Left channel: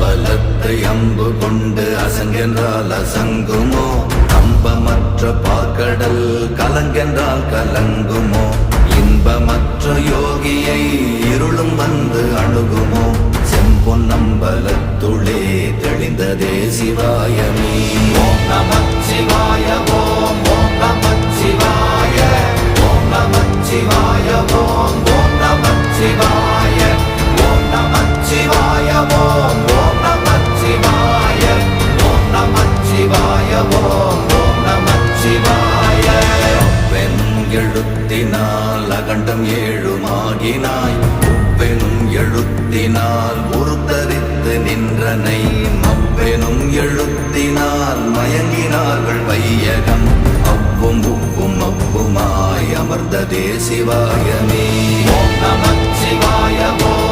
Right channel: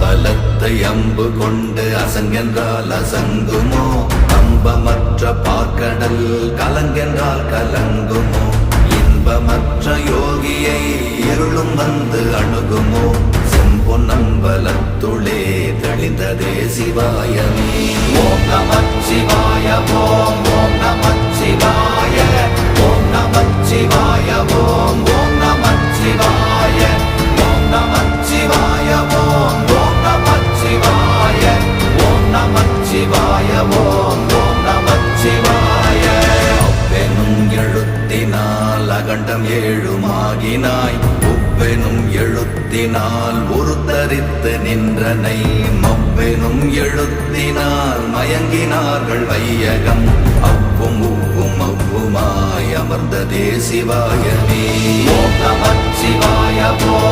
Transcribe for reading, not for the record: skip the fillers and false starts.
அம்பலத்தை அம்பு கொண்டு அசங்கென்றால் அசங்குமோ? நம்பமற்ற பார்க்கடல் கலங்கென்றால் கலங்குமோ? இன்பமற்ற யோகியை இருளும் வந்து அணுகுமோ? செம்பொன்னம்பலத்துளே தெளிந்ததே சிவாயமே. ஓம் நமச்சிவாய ஓம் ஓம் நமச்சிவாய ஓம் நமச்சிவாய ஓம் ஓம் நமச்சிவாய ஓம் நமச்சிவாய ஓம் ஓம் நமச்சிவாய ஓம் நமச்சிவாய ஓம் ஓம் நமச்சிவாய. அவ்வெனும் எழுத்தினால் அகண்டம் ஏழுமாகினாய், உவ்வெனும் எழுத்தினால் உருத்தரித்து நின்றனை, மவ்வெனும் எழுத்தினால் மயங்கினார்கள் வையகம். அவ்வும் உவ்வும் அவ்வுமாய் அமர்ந்ததே சிவாயமே. ஓம் நமச்சிவாய ஓம்